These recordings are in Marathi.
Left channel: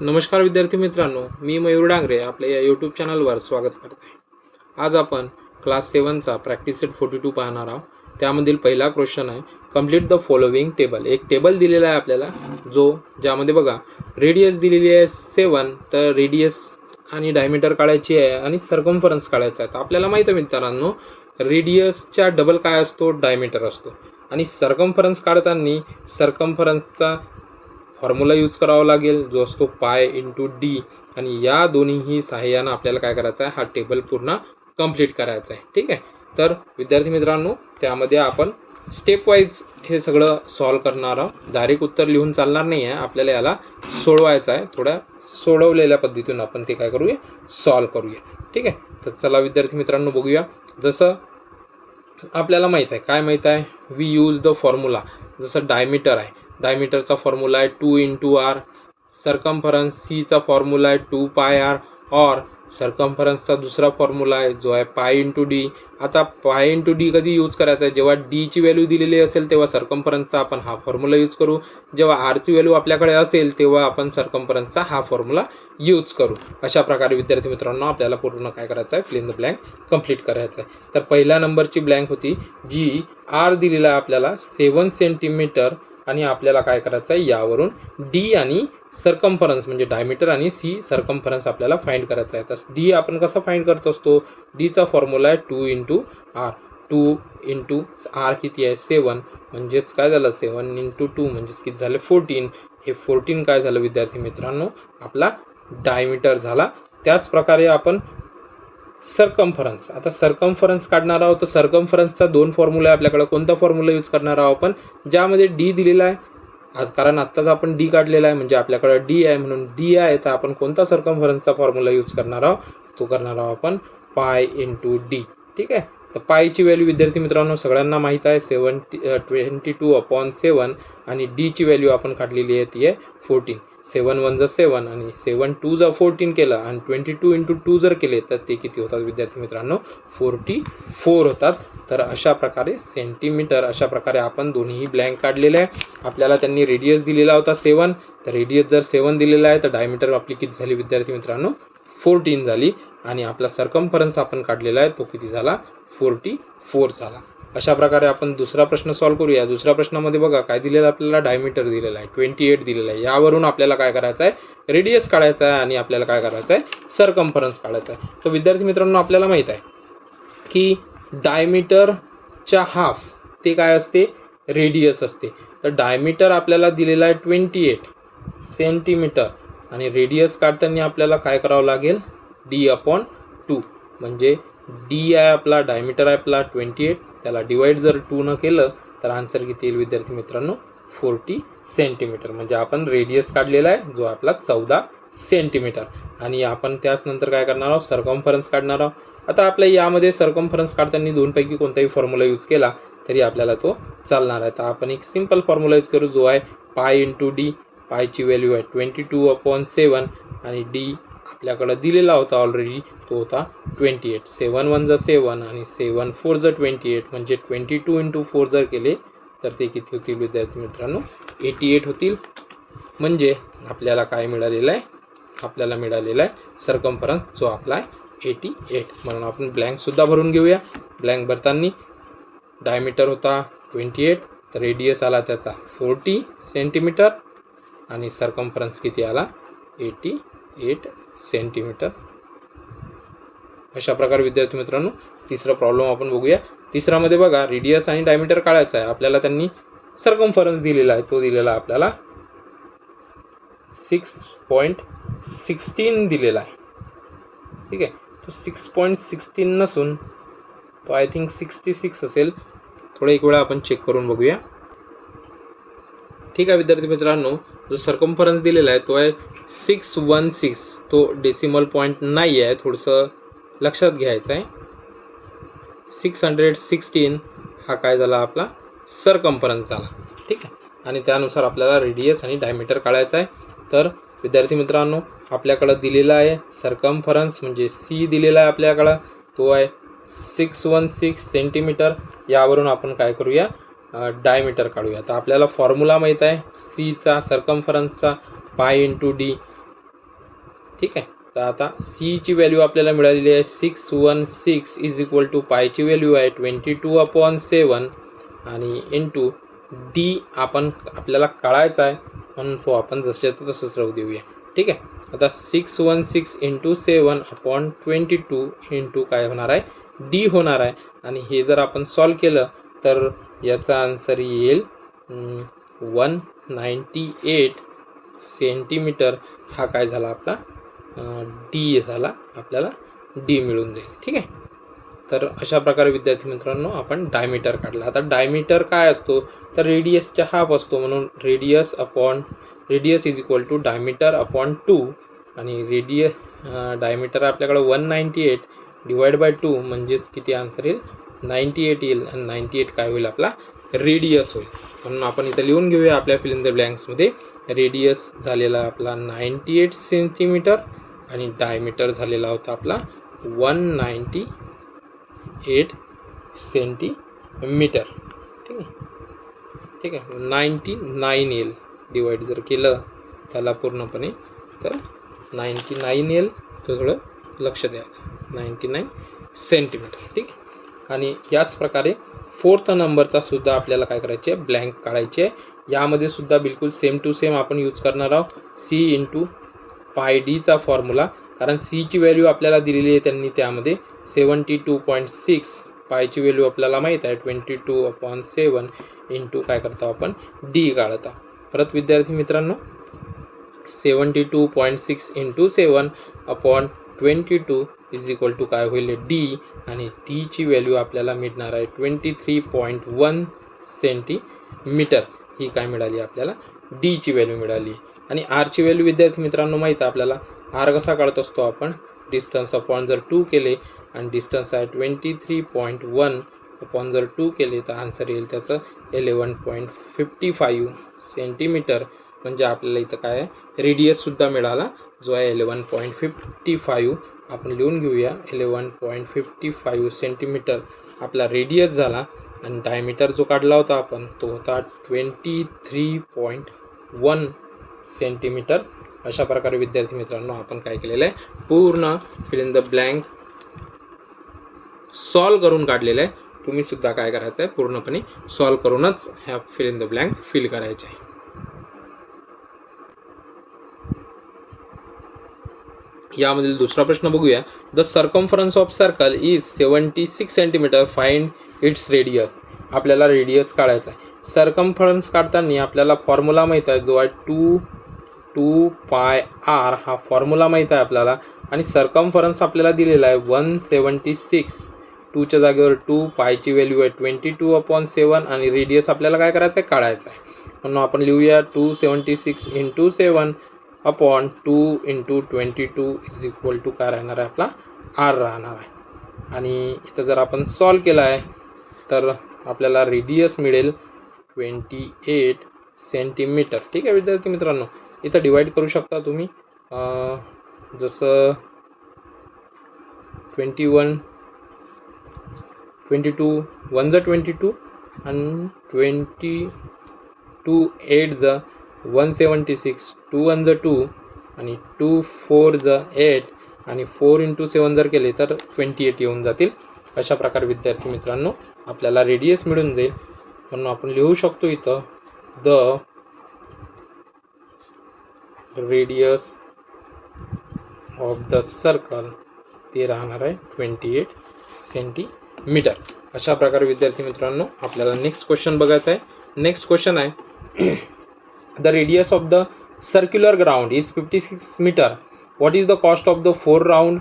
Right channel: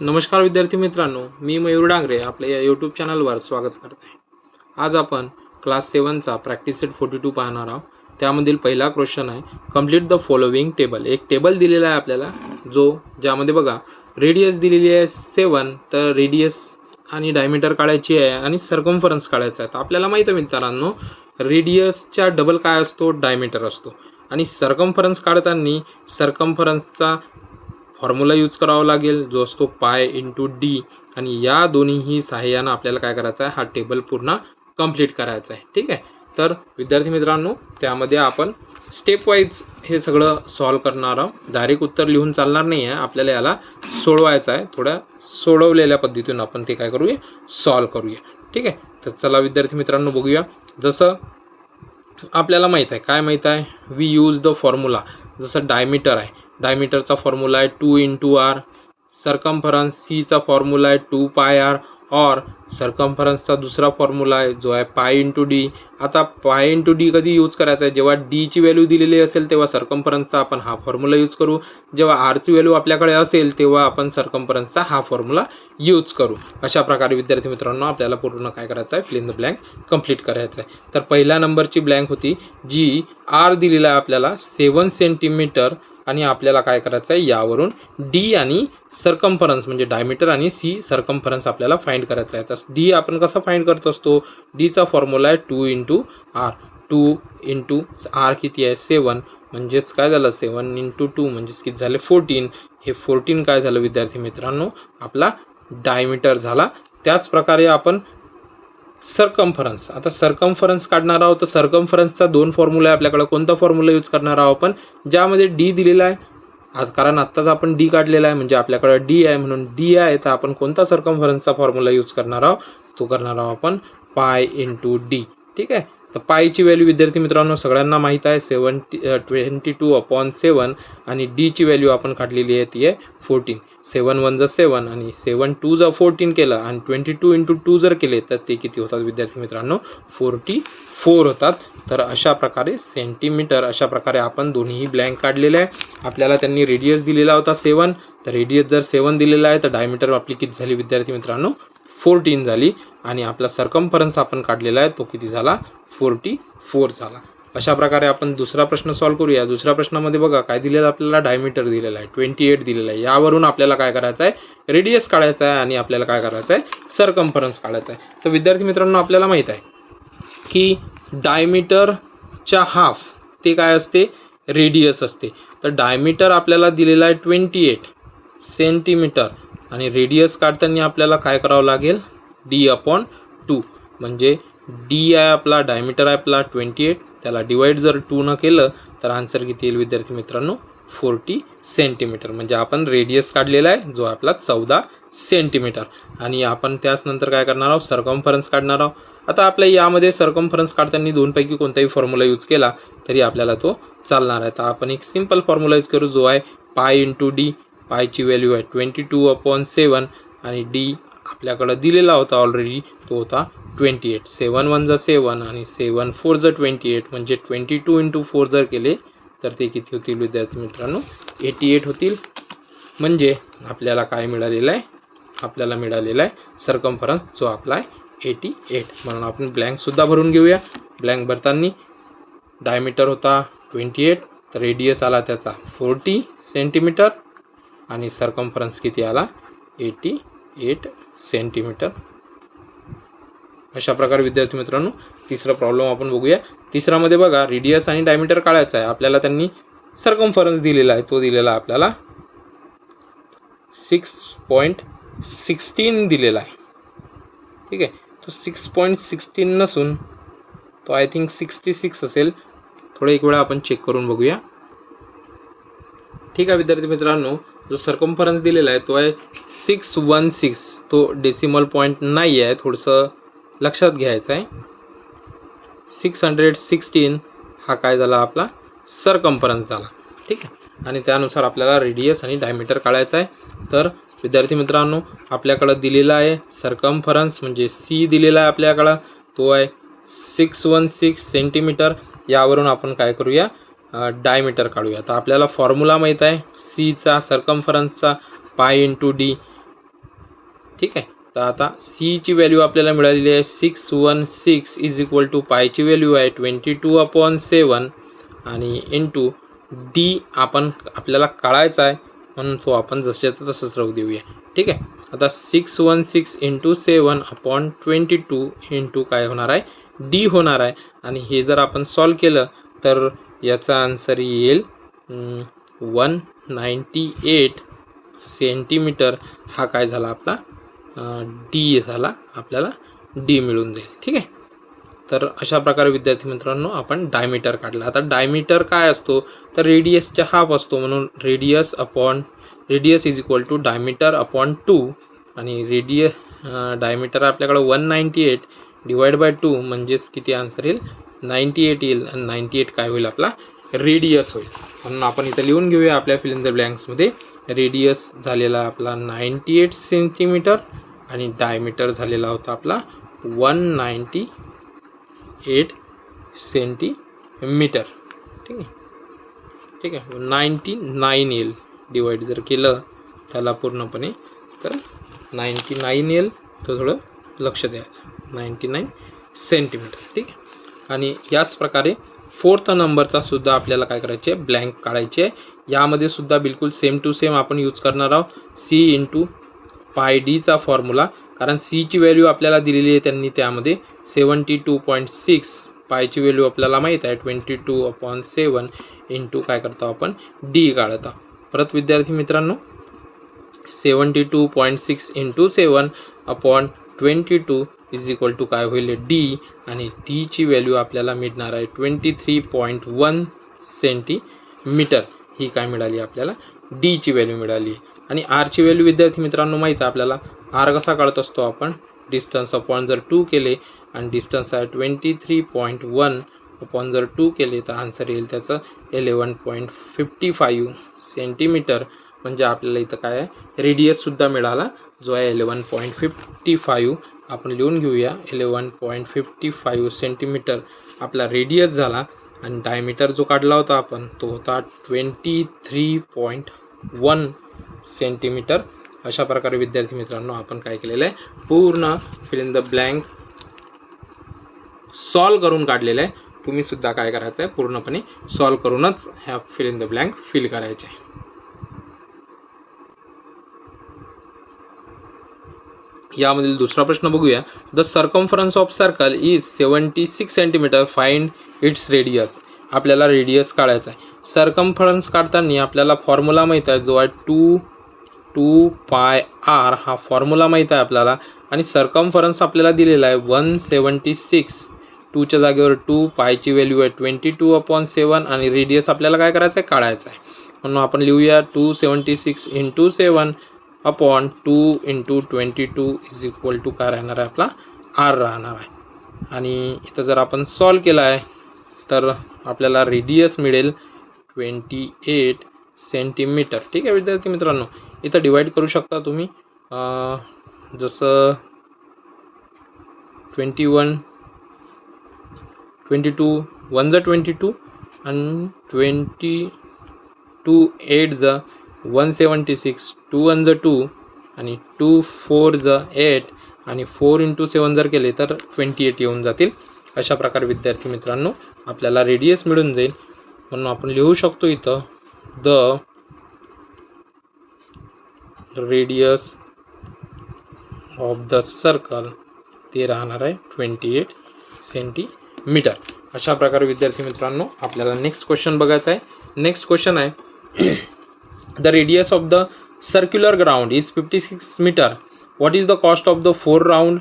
नमस्कार विद्यार्थी मित्रांनो, मी मयूर डांगरे आपल्या या यूट्यूब चॅनलवर स्वागत करते. आज आपण क्लास 7चा प्रॅक्टिस सेट 42 पाहणार आहोत. त्यामधील पहिला क्वेश्चन आहे, कंप्लीट द फॉलोइंग टेबल. एक टेबल दिलेला आहे आपल्याला, ज्यामध्ये बघा रेडियस दिलेली आहे 7, तर रेडियस आणि डायमीटर काढायची आहे आणि सर्कम्फरन्स काढायचा आहे. तर आपल्याला माहिती आहे मित्रांनो, रेडियसच्या डबल काय असतो, डायमीटर असतो. आणि सर्कम्फरन्स काढताना सर्कम्फरन्सचा फॉर्म्युला यूज करावा लागेल, जो असतो पाय इंटू डी. आणि या दोन्हीही सहाय्यानं आपल्याला काय करायचं आहे, हा टेबल पूर्ण कंप्लीट करायचा आहे. ठीक आहे. तर विद्यार्थी मित्रांनो, त्यामध्ये आपण स्टेप वाईज हे सगळं सॉल्व करणार आहोत. डायरेक्ट उत्तर लिहून चालणार नाही आहे, आपल्याला याला सोडवायचं आहे. थोड्या सोडवलेल्या पद्धतीनं आपण ते काय करूया, सॉल्व करूया. ठीक आहे. तर चला विद्यार्थी मित्रांनो बघूया. जसं आपल्याला माहीत आहे, काय माहीत आहे, वी यूज द फॉर्म्युला. जसं डायमीटर आहे, डायमीटरचा फॉर्म्युला आहे 2 इंटू आर. सर्कम्फरन्स सीचा फॉर्म्युला आहे 2 पाय आर. और सर्कम्फरन्सचा दुसरा फॉर्म्युला आहे जो आहे पाय इंटू डी. आता पाय इंटू डी कधी यूज करायचा आहे, जेव्हा डीची व्हॅल्यू दिलेली असेल तेव्हा सर्कम्फरन्सचा आपण हा फॉर्म्युला यूज करू. जेव्हा आरची व्हॅल्यू आपल्याकडे असेल तेव्हा आपण सर्कम्फरन्सचा हा फॉर्म्युला यूज करू. अशा प्रकारे विद्यार्थी मित्रांनो आपल्याला पूर्ण काय करायचं आहे, fill in the blank complete करायचं आहे. तर पहिल्या नंबरची ब्लँक होती, जी आर दिलेला आहे आपल्याला 7 सेंटीमीटर. आणि आपल्याला काय करायचं आहे, यावरून डी आणि सर्कम्फरन्स म्हणजे डायमीटर आणि सी सर्कम्फरन्स आपल्याला फाइंड करायचं आहे. तर डी आपण कसं फाइंड करत असतो, डीचा फॉर्म्युला आहे 2 इंटू आर. 2 इंटू आर किती आहे, 7. म्हणजेच काय झालं, 7 इंटू 2 म्हणजेच किती झाले, 14. हे 14 काय झालं विद्यार्थी मित्रांनो, आपला डायमीटर झाला. त्याच प्रकारे आपण सर्कम्फरन्स, आता सर्कम्फरन्स काढणार आहोत. तर सर्कम्फरन्सचा 2 फॉर्म्युला आहे आपल्याकडे. कोणता फॉर्म्युला यूज करणार आहोत आपण, ज्यामध्ये डी दिलेला आहे. आज कारण आत्ताच आपण डी काढलेला आहे, म्हणजे आपल्याकडे डी आहे, म्हणून डी आहे. तर आपण कोणता सर्कम्फरन्सचा फॉर्म्युला यूज करणार आहोत, तो करणार आहोत आपण पाय इंटू डी. ठीक आहे. तर पायची व्हॅल्यू विद्यार्थी मित्रांनो सगळ्यांना माहीत आहे, 22/7. आणि डीची व्हॅल्यू आपण काढलेली आहे, ती आहे 14. 7 1 7 आणि 7 2 14 केलं आणि 22 इंटू 2 जर केले तर ते किती होतात विद्यार्थी मित्रांनो, 44 होतात. तर अशा प्रकारे सेंटीमीटर, अशा प्रकारे आपण दोन्ही ब्लँक काढलेले आहे. आपल्याला त्यांनी रेडियस दिलेला होता 7, तर रेडियस जर 7 दिलेला आहे तर डायमीटर आपली किती झाली विद्यार्थी मित्रांनो, 14 झाली. आणि आपला सर्कम्फरन्स आपण काढलेला आहे तो किती झाला, 44 झाला. अशा प्रकारे आपण दुसरा प्रश्न सॉल्व करूया. दुसऱ्या प्रश्नामध्ये बघा काय दिलेलं आपल्याला, डायमीटर दिलेला आहे 28 दिलेला आहे. यावरून आपल्याला काय करायचं आहे, रेडियस काढायचा आहे आणि आपल्याला काय करायचं आहे, सर्कम्फरन्स काढायचा आहे. तर विद्यार्थी मित्रांनो आपल्याला माहीत आहे की डायमीटरच्या हाफ ते काय असते, रेडियस असते. तर डायमीटर आपल्याला दिलेला आहे 28 सेंटीमीटर आणि रेडियस काढताना आपल्याला काय करावं लागेल, d/2. म्हणजे डी आहे आपला, डायमीटर आहे आपला 28, त्याला डिवाइड जर 2 न केलं तर आन्सर किती येईल विद्यार्थी मित्रांनो, 40 सेंटीमीटर. म्हणजे आपण रेडियस काढलेला आहे जो आपला 14 सेंटीमीटर. आणि आपण त्याच नंतर काय करणार आहोत, सर्कम्फरन्स काढणार आहोत. आता आपल्या यामध्ये सर्कम्फरन्स काढताना दोनपैकी कोणताही फॉर्म्युला यूज केला तरी आपल्याला तो चालणार आहे. तर आपण एक सिंपल फॉर्म्युला यूज करू, जो आहे पाय इंटू डी. पायची व्हॅल्यू आहे 22/7 आणि डी आपल्याकडं दिलेला होता ऑलरेडी, तो होता 28. 7 1 7 आणि 7 4 28. म्हणजे 22 इंटू 4 जर केले तर ते किती होतील विद्यार्थी मित्रांनो, 88 होतील. म्हणजे आपल्याला काय मिळालेलं आहे, आपल्याला मिळालेला आहे सर्कम्फरन्स जो आपला आहे 88. म्हणून आपण ब्लँकसुद्धा भरून घेऊया. ब्लँक भरताना डायमीटर होता 28, तर रेडियस आला त्याचा 40 सेंटीमीटर आणि सर्कम्फरन्स किती आला, 88 सेंटीमीटर. अशा प्रकारे विद्यार्थी मित्रांनो तिसरा प्रॉब्लेम आपण बघूया. तिसरामध्ये बघा रेडियस आणि डायमीटर काढायचा आहे. आपल्याला त्यांनी सर्कम्फरन्स दिलेला आहे, तो दिलेला आपल्याला 6.16 दिलेला आहे. ठीक आहे. तो 6.16 नसून तो आय थिंक 66 असेल. थोडं एक वेळा आपण चेक करून बघूया. ठीक आहे विद्यार्थी मित्रांनो, जो सर्कम्फरन्स दिलेला आहे तो आहे 616. तो डेसिमल पॉईंट नाही आहे, थोडंसं लक्षात घ्यायचं आहे. 616 हा काय झाला, आपला सर्कम्फरन्स झाला. ठीक आहे. आणि त्यानुसार आपल्याला रेडियस आणि डायमीटर काढायचं आहे. तर विद्यार्थी मित्रांनो आपल्याकडं दिलेला आहे सर्कम्फरन्स म्हणजे सी दिलेला आहे आपल्याकडं, तो आहे 616 सेंटीमीटर. यावरून आपण काय करूया, डायमीटर काढूया. तर आपल्याला फॉर्म्युला माहीत आहे सीचा, सर्कम्फरन्सचा पाय इंटू डी. ठीक आहे. तर आता सी ची व्हॅल्यू आपल्याला मिळालेली आहे 616 इज इक्वल टू पायची व्हॅल्यू आहे 22/7 आणि इंटू डी आपल्याला काढायचा आहे म्हणून तो आपण जसं तसंच राहू देऊया. ठीक आहे. आता 616 इंटू 7/22 इंटू काय होणार आहे डी होणार आहे आणि हे जर आपण सॉल्व केलं तर याचा आन्सर येईल 198 सेंटीमीटर. हा काय झाला आपला डी झाला, आपल्याला डी मिळून जाईल. ठीक आहे. तर अशा प्रकारे विद्यार्थी मित्रांनो आपण डायमीटर काढला. आता डायमीटर काय असतो तर रेडियसच्या हाफ असतो म्हणून radius is equal to diameter upon 2 आणि डायमीटर आपल्याकडे 198 डिवाइड बाय 2 म्हणजेच किती आन्सर येईल 98 येईल आणि 98 काय होईल आपला रेडियस होईल. म्हणून आपण इथं लिहून घेऊया आपल्या फिल इन द ब्लँक्समध्ये रेडियस झालेला आपला 98 सेंटीमीटर आणि डायमीटर झालेला होता आपला 198 सेंटीमीटर. ठीक आहे 99 येईल डिवाइड जर केलं त्याला पूर्णपणे तर 99 येईल. थोडं लक्ष द्यायचं 99 सेंटीमीटर. ठीक आहे. आणि याच प्रकारे 4th नंबरचा सुद्धा आपल्याला काय करायचे ब्लँक काढायचे. यामध्ये सुद्धा बिलकुल सेम टू सेम आपण यूज करणार आहोत सी इंटू पाय डीचा फॉर्म्युला, कारण सी ची व्हॅल्यू आपल्याला दिलेली आहे त्यांनी त्यामध्ये 72.6, पायची व्हॅल्यू आपल्याला माहीत आहे 22/7 इंटू काय करतो आपण डी काढतो. परत विद्यार्थी मित्रांनो 72.6 इंटू 7/22 इज इक्वल टू काय होईल डी आणि डी ची व्हॅल्यू आपल्याला मिळणार आहे 23.1 सेंटीमीटर. ही काय मिळाली आपल्याला डी ची व्हॅल्यू मिळाली. आणि आर ची व्हॅल्यू विद्यार्थी मित्रांनो माहीत आहे आपल्याला आर कसा काढत असतो आपण डिस्टन्स अपॉन जर 2 केले आणि डिस्टन्स आहे 23.1 अपॉन जर 2 केले तर आन्सर येईल त्याचं 11.55 सेंटीमीटर. म्हणजे आपल्याला इथं काय आहे रेडियससुद्धा मिळाला जो आहे 11.55. आपण लिहून घेऊया 11.55 सेंटीमीटर आपला रेडियस झाला आणि डायमीटर जो काढला होता आपण तो होता 23.1 सेंटीमीटर. अशा प्रकारे विद्यार्थी मित्रांनो आपण काय केलेलं आहे पूर्ण fill in the blank solve करून काढलेलं आहे. तुम्ही सुद्धा काय करायचं आहे पूर्णपणे सॉल्व करूनच ह्या fill in the blank fill करायचे आहे. यामधील दुसरा प्रश्न बघूया. The circumference of circle is 76 centimetre, find its radius. आपल्याला रेडियस काढायचा आहे. सर्कम्फरन्स काढताना आपल्याला फॉर्म्युला माहीत आहे जो आहे 2 पाय आर हा फॉर्म्युला माहीत आहे आपल्याला आणि सर्कम्फरन्स आपल्याला दिलेला आहे 176. 2च्या जागेवर 2, पायची व्हॅल्यू आहे 22/7 आणि रेडियस आपल्याला काय करायचं आहे काढायचं आहे. म्हणून आपण लिहूया 276 into 7 upon 2 into 22 is equal to काय राहणार आहे आपला आर राहणार आहे. आणि इथं जर आपण सॉल्व केला आहे तर आपल्याला रेडियस मिळेल 28 सेंटीमीटर. ठीक आहे विद्यार्थी मित्रांनो. इथं डिवाइड करू शकता तुम्ही जसं 22 1 जा 22 आणि 22 8 जा 176, 2 1 जा 2 आणि 2 4 जा 8 आणि 4 इंटू 7 जर केले तर 28 येऊन जातील. अशा प्रकारे विद्यार्थी मित्रांनो आपल्याला रेडियस मिळून जाईल. म्हणून आपण लिहू शकतो इथं the radius of the circle ते राहणार आहे 28 सेंटीमीटर. अशा प्रकारे विद्यार्थी मित्रांनो आपल्याला नेक्स्ट क्वेश्चन बघायचा आहे. नेक्स्ट क्वेश्चन आहे the radius of the circular ground is 56 metre. What is the cost of the 4 round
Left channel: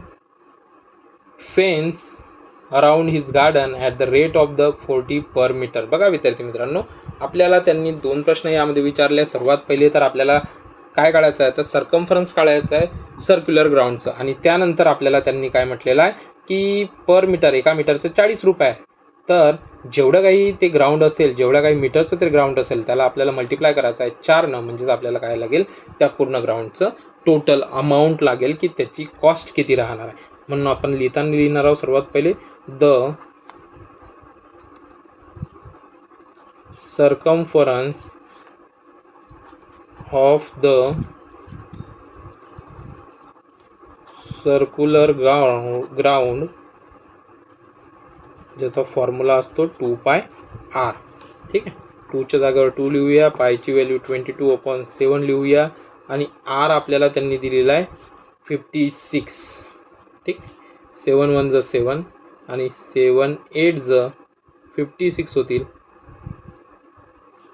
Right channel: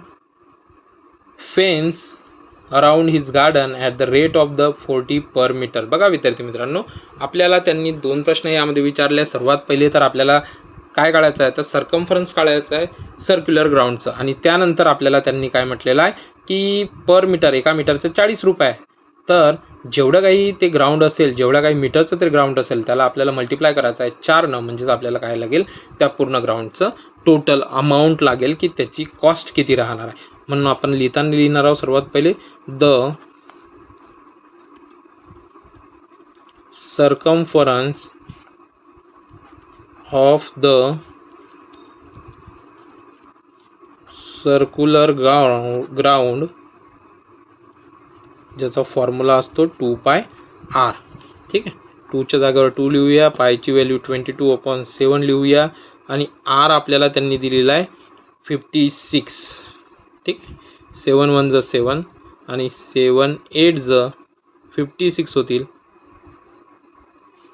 fence around his garden at the rate of the 40 per metre. बघा विद्यार्थी मित्रांनो आपल्याला त्यांनी 2 प्रश्न यामध्ये विचारले. सर्वात पहिले तर आपल्याला काय काढायचं आहे तर सर्कम्फरन्स काढायचं आहे सर्क्युलर ग्राउंडचं आणि त्यानंतर आपल्याला त्यांनी काय म्हटलेलं आहे की पर मीटर एका मीटरचे 40 रुपये. तर जेवढं काही ते ग्राउंड असेल जेवढं काही मीटरचं ते ग्राउंड असेल त्याला आपल्याला मल्टिप्लाय करायचं आहे 4ने. म्हणजेच आपल्याला काय लागेल त्या पूर्ण ग्राउंडचं टोटल अमाऊंट लागेल की त्याची कॉस्ट किती राहणार आहे. म्हणून आपण लिहिताना लिहिणार आहोत सर्वात पहिले the circumference of the circular ground ज्याचा फॉर्म्युला असतो 2πr. ठीक आहे, 2च्या जागेवर 2 लिहूया, पायची व्हॅल्यू 22/7 लिहूया आणि r आपल्याला त्यांनी दिलेला आहे 56. ठीक, 7 1 ज 7 आणि 7 8 ज 56 होतील.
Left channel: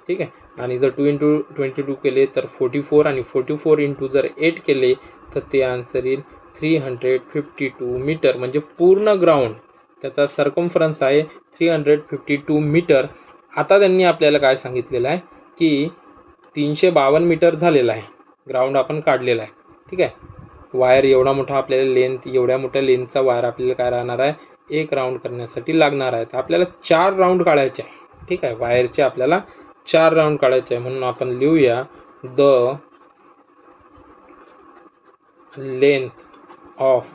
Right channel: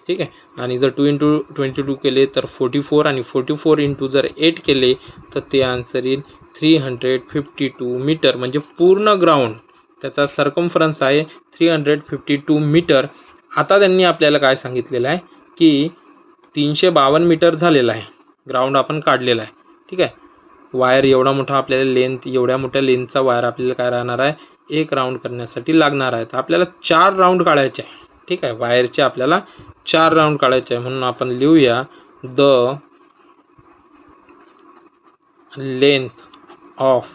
ठीक आहे, आणि जर 2 × 22 केले तर 44 आणि 44 × जर 8 केले तर ते आन्सर येईल 352 मीटर. म्हणजे पूर्ण ग्राउंड त्याचा सर्कम्फरन्स आहे 352 मीटर. आता त्यांनी आपल्याला काय सांगितलेलं आहे की 352 मीटर झालेला आहे ग्राउंड आपण काढलेला आहे. ठीक आहे, वायर एवढा मोठा आपल्याला लेंथ, एवढ्या मोठ्या लेंथचा वायर आपल्याला काय राहणार आहे, एक राऊंड करण्यासाठी लागणार आहे. तर आपल्याला 4 राऊंड काढायचे आहे. ठीक आहे, वायरचे आपल्याला 4 राऊंड काढायचे आहे. म्हणून आपण लिहूया the length of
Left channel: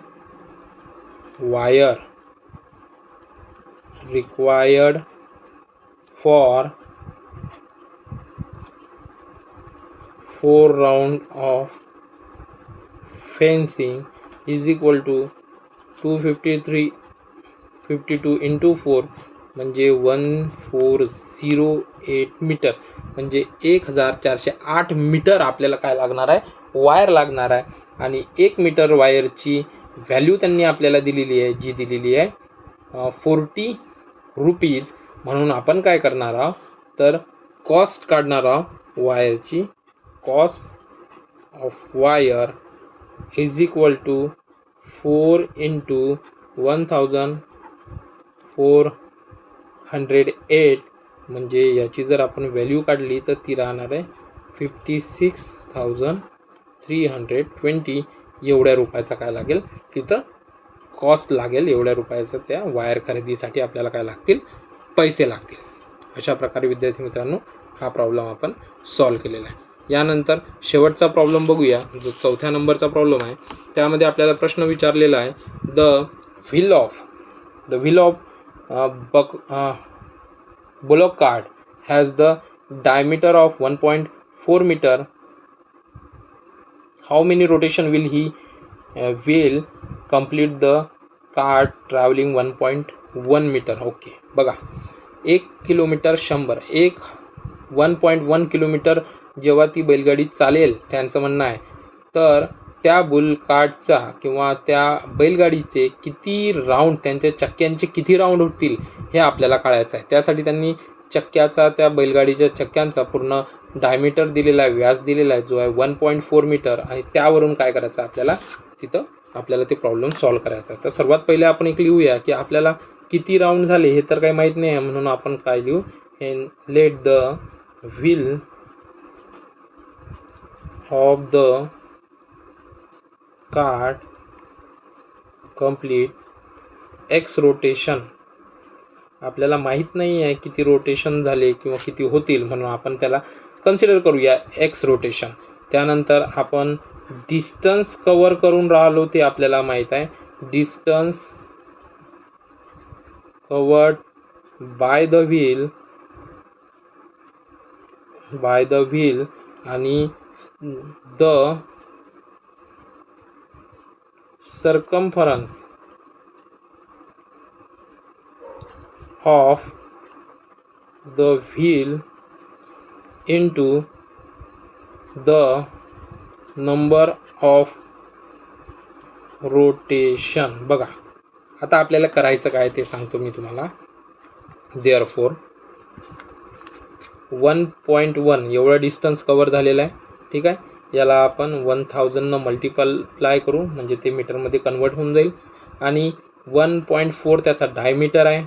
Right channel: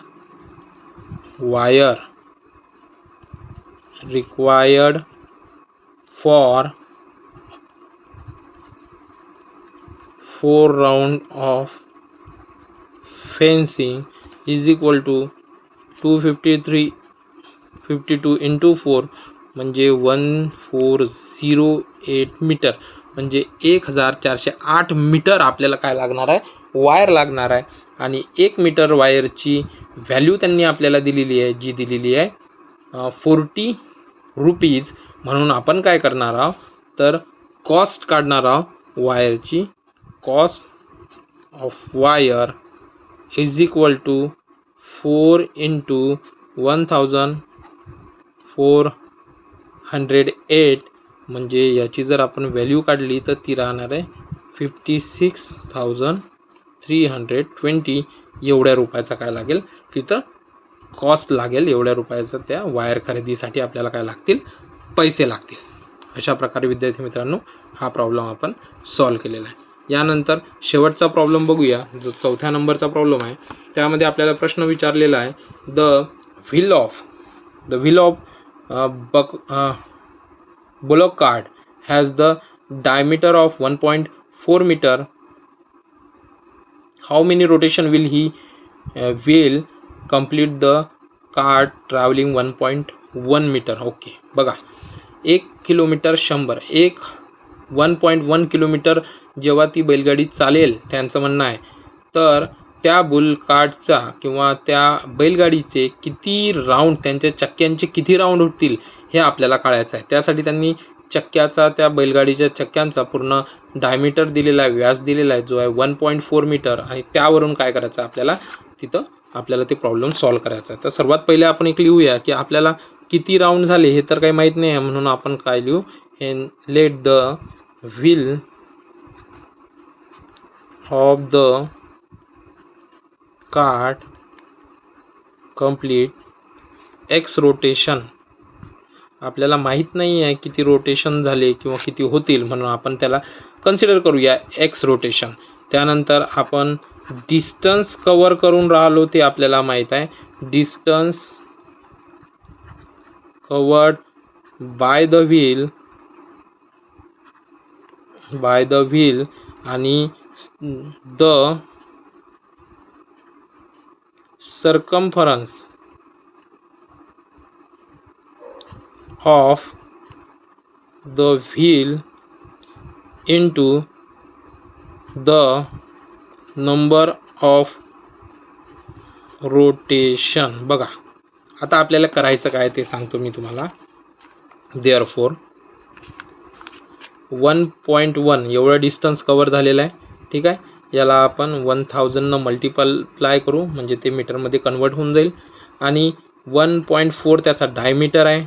wire required for 4 round of fencing is equal to 252 × 4 म्हणजे 1408 मीटर. म्हणजे 1408 मीटर आपल्याला काय लागणार आहे, वायर लागणार आहे. आणि 1 मीटर वायरची व्हॅल्यू त्यांनी आपल्याला दिलेली आहे, जी दिलेली आहे 40 रुपीज. म्हणून आपण काय करणार आहोत तर कॉस्ट काढणार आहोत वायरची. Cost of wire is equal to 4 × 1408. म्हणजे याची जर आपण व्हॅल्यू काढली तर ती राहणार आहे 56,320. एवढ्या रुपयाचा काय लागेल तिथं कॉस्ट लागेल. एवढ्या रुपयाचं त्या वायर खरेदीसाठी आपल्याला काय लागतील, पैसे लागतील. अशा प्रकारे विद्यार्थी मित्रांनो हा प्रॉब्लेम आपण सॉल्व्ह केलेला आहे. यानंतर शेवटचा प्रॉब्लेम बघूया, जो 4थ्या नंबरचा प्रॉब्लेम आहे. त्यामध्ये आपल्याला प्रश्न विचारलेला आहे the wheel of bullock cart has the diameter of 1.4 meter. How many rotation will complete the cart traveling 1.1 meter? Okay, बघा 1 किलोमीटर 1.1 किलोमीटर जेव्हा ती बैलगाडी चालेल, त्यांचं म्हणणं आहे, तर त्या बुल कार्टचा किंवा त्या बैलगाडीचे किती राऊंड, त्यांच्या चक्क्यांचे किती राऊंड होतील हे आपल्याला कळायचं आहे. त्यासाठी त्यांनी चक्क्याचा, त्या बैलगाडीच्या चक्क्यांचा पूर्ण डायमीटर दिलेला आहे, व्यास दिलेला आहे, जो आहे 1.4 मीटर. आणि त्यावरून काय करायचं आपल्याला, तिथं आपल्याला ते प्रॉब्लेम सॉल्व्ह करायचा आहे. तर सर्वात पहिले आपण एक लिहूया की आपल्याला किती राऊंड झाले हे तर काही माहीत नाही आहे. म्हणून आपण काय लिहू, let the wheel of the cart complete x rotation. आपल्याला माहीत नाही आहे किती रोटेशन झाले किंवा किती होतील, म्हणून आपण त्याला कन्सिडर करूया एक्स रोटेशन. त्यानंतर आपण डिस्टन्स कव्हर करून राहिलो ते आपल्याला माहीत आहे, distance covered by the wheel आणि the circumference of the wheel into the number of rotation. बघा आता आपल्याला करायचं काय ते सांगतो मी तुम्हाला. therefore 1.1 एवढा डिस्टन्स कव्हर झालेला आहे. ठीक आहे, याला आपण 1000 न मल्टिप्लाय करू म्हणजे ते मीटरमध्ये कन्वर्ट होऊन जाईल. आणि 1.4 त्याचा डायमीटर आहे.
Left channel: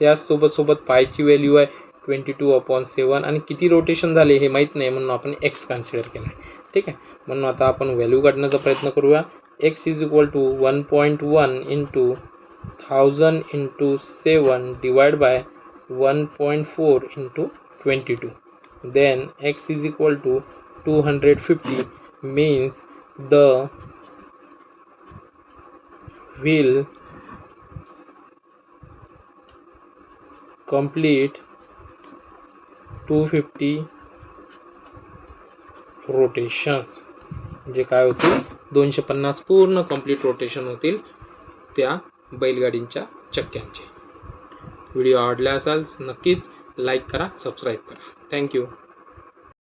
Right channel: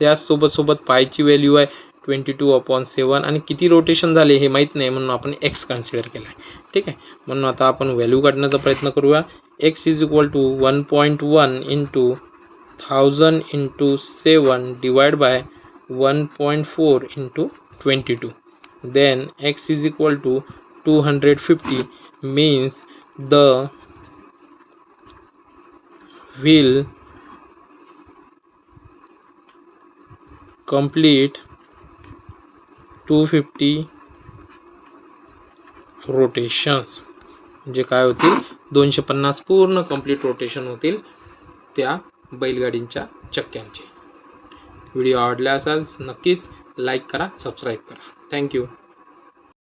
त्यासोबत पायची व्हॅल्यू आहे 22/7 आणि किती रोटेशन झाले हे माहीत नाही, म्हणून आपण एक्स कन्सिडर केला आहे. ठीक आहे, म्हणून आता आपण व्हॅल्यू काढण्याचा प्रयत्न करूया. X is equal to 1.1 × 1000 × 7 divide by 1.4 × 22. then x is equal to 250 means the will complete 250 rotations. म्हणजे काय होतील 250 पूर्ण कंप्लीट रोटेशन होतील त्या बैलगाडींच्या चक्क्यांचे. व्हिडिओ आवडला असाल नक्कीच लाईक करा, सबस्क्राईब करा. थँक्यू.